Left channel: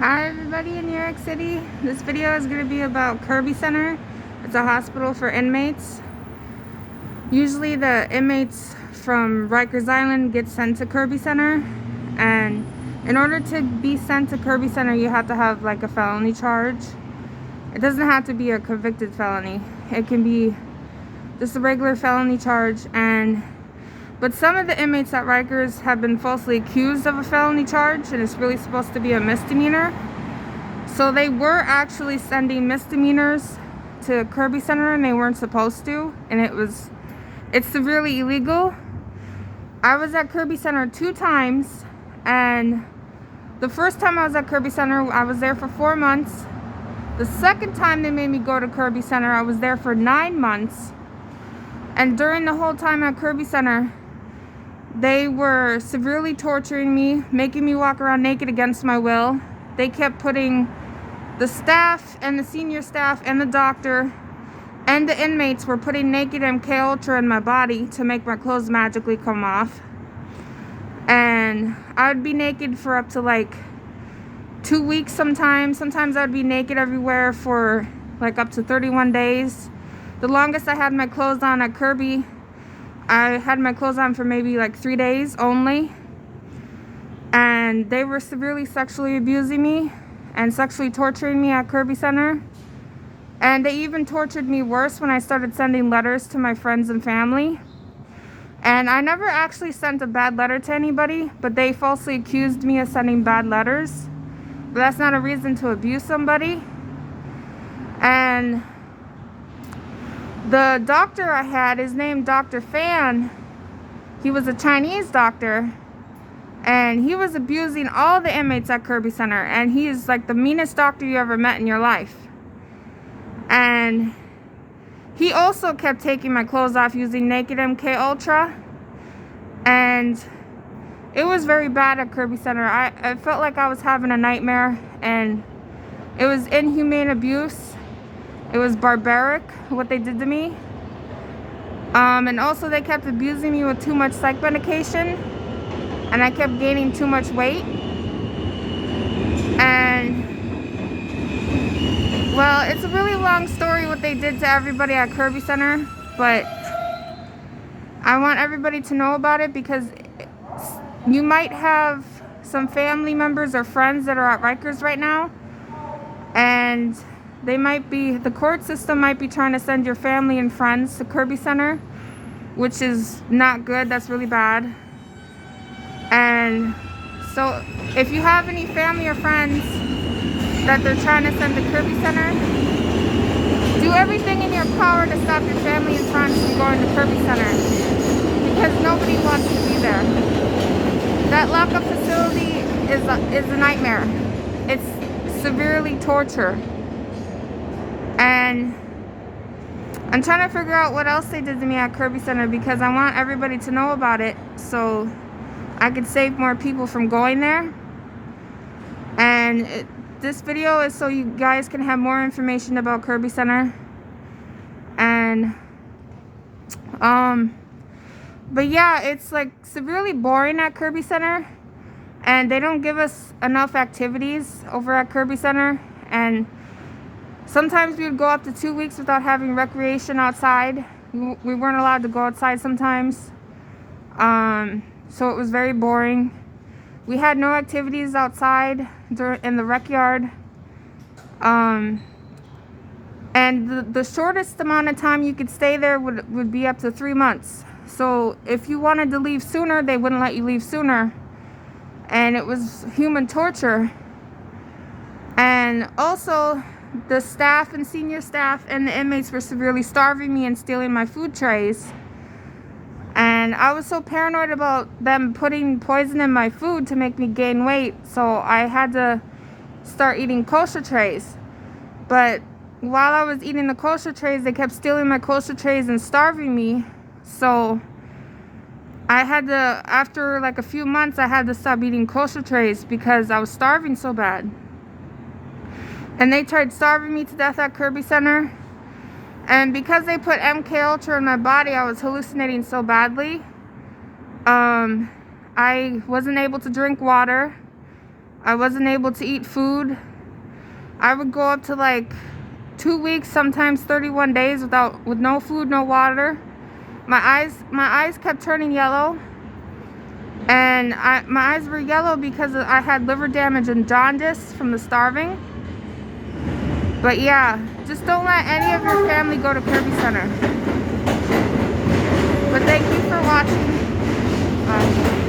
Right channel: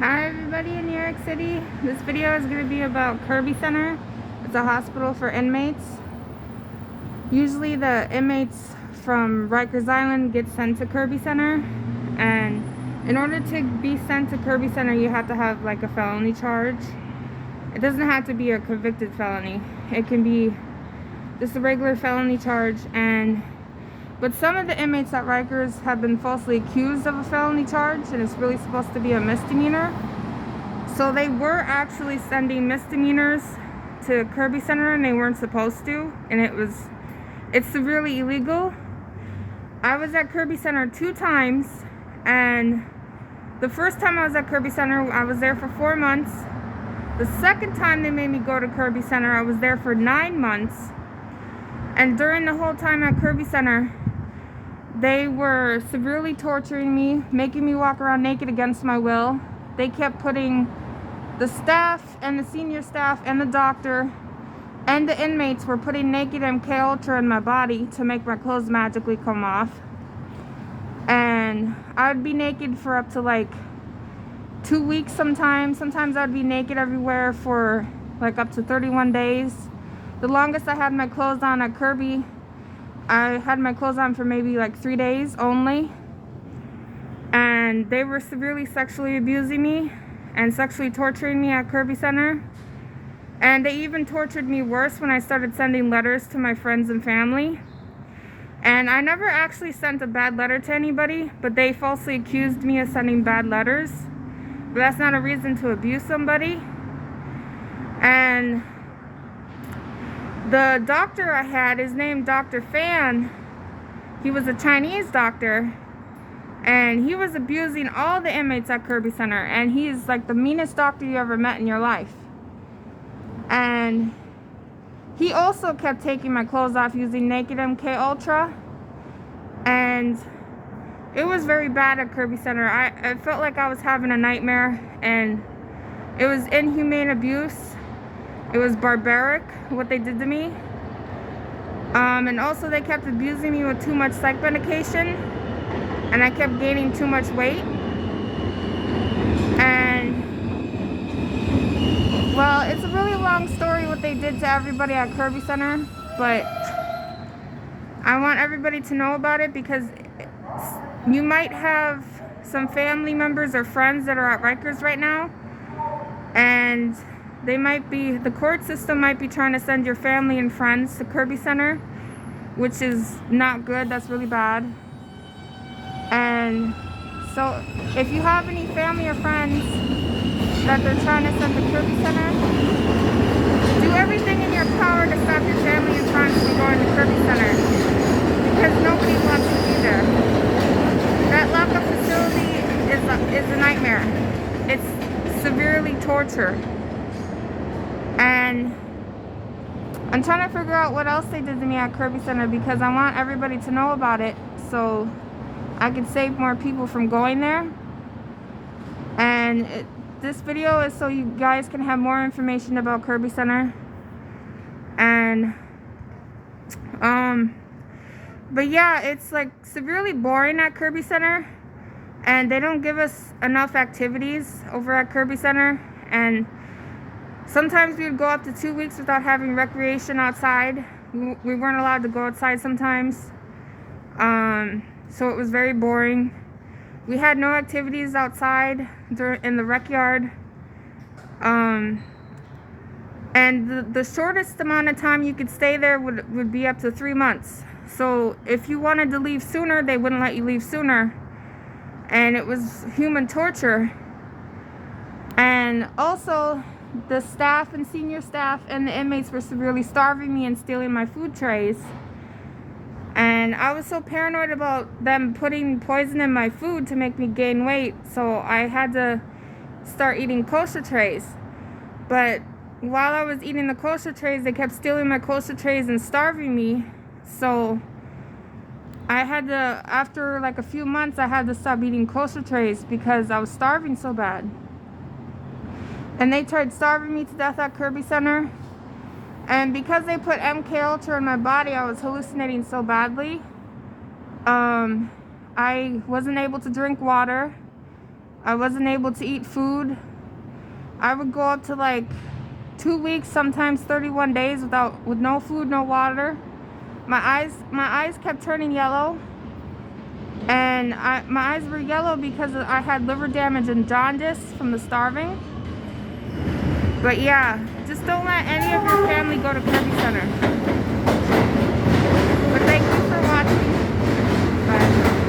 Hi everybody in New York City. This video is going to be about Kirby Center. It's a hospital for inmates. Usually the inmates from Rikers Island get sent to Kirby Center, and in order to be sent to Kirby Center you have to have like a felony charge. It doesn't have to be a convicted felony. It can be just a regular felony charge, but some of the inmates at Rikers have been falsely accused of a felony charge, and it's really supposed to be a misdemeanor. So they were actually sending misdemeanors to Kirby Center, and they weren't supposed to, and it's severely illegal. I was at Kirby Center 2 times, and the first time I was at Kirby Center, I was there for 4 months. The second time they made me go to Kirby Center, I was there for 9 months. And during the whole time at Kirby Center, they were severely torturing me, making me walk around naked against my will. They kept putting the staff and the senior staff and the doctor and the inmates were putting naked MK Ultra in my body to make my clothes magically come off. And I'd be naked for up to like 2 weeks sometimes. Sometimes I'd be naked everywhere for like up to 31 days. The longest I had my clothes on at Kirby, I had my clothes on for maybe like 3 days only. And they were severely sexually abusing me and sexually torturing me at Kirby Center. And they even tortured me worse when I started sending letters to my friends and family. And I never actually sent a bad letter to anybody, but they falsely accused me of sending bad letters. But that's not a reason to abuse somebody. And the doctor I had is named Dr. Fan. He was a Chinese doctor, and he was abusing all the inmates at Kirby Center, and he's like the meanest doctor you ever met in your life. And he also kept taking my clothes off using naked MK Ultra, and it was very bad at Kirby Center. I felt like I was having a nightmare, and it was inhumane abuse. It was barbaric what they did to me. And also they kept abusing me with too much psych medication, and I kept gaining too much weight. And well, it's a really long story what they did to everybody at Kirby Center, but I want everybody to know about it because you might have some family members or friends that are at Rikers right now, and the court system might be trying to send your family and friends to Kirby Center, which is not good. That's really bad. And so if you have any family or friends that they're trying to send to Kirby Center, do everything in your power to stop your family and friends from going to Kirby Center, because nobody wants to be there. That lockup facility is a nightmare. It's severely torture. And I'm trying to figure out what else they did to me at Kirby Center, because I want everybody to know about it so I could save more people from going there. And this video is so you guys can have more information about Kirby Center. And but yeah, it's like severely boring at Kirby Center, and they don't give us enough activities over at Kirby Center. And sometimes we would go up to 2 weeks without having recreation outside. We weren't allowed to go outside sometimes. So it was very boring. We had no activities outside in the rec yard. And the shortest amount of time you could stay there would be up to 3 months. So if you wanted to leave sooner, they wouldn't let you leave sooner. And it was human torture. And also, the staff and senior staff and the inmates were severely starving me and stealing my food trays. And I was so paranoid about them putting poison in my food to make me gain weight, so I had to start eating kosher trays. But while I was eating the kosher trays, they kept stealing my kosher trays and starving me. So I had to, after like a few months, I had to stop eating kosher trays because I was starving so bad. And they tried starving me to death at Kirby Center. And because they put MK Ultra in my body, I was hallucinating so badly. I wasn't able to drink water. I wasn't able to eat food. I would go up to like 2 weeks, sometimes 31 days with no food, no water. My eyes kept turning yellow, and my eyes were yellow because I had liver damage and jaundice from the starving. But yeah, just don't let any of your family go to Kirby Center. But thank you for watching. Bye.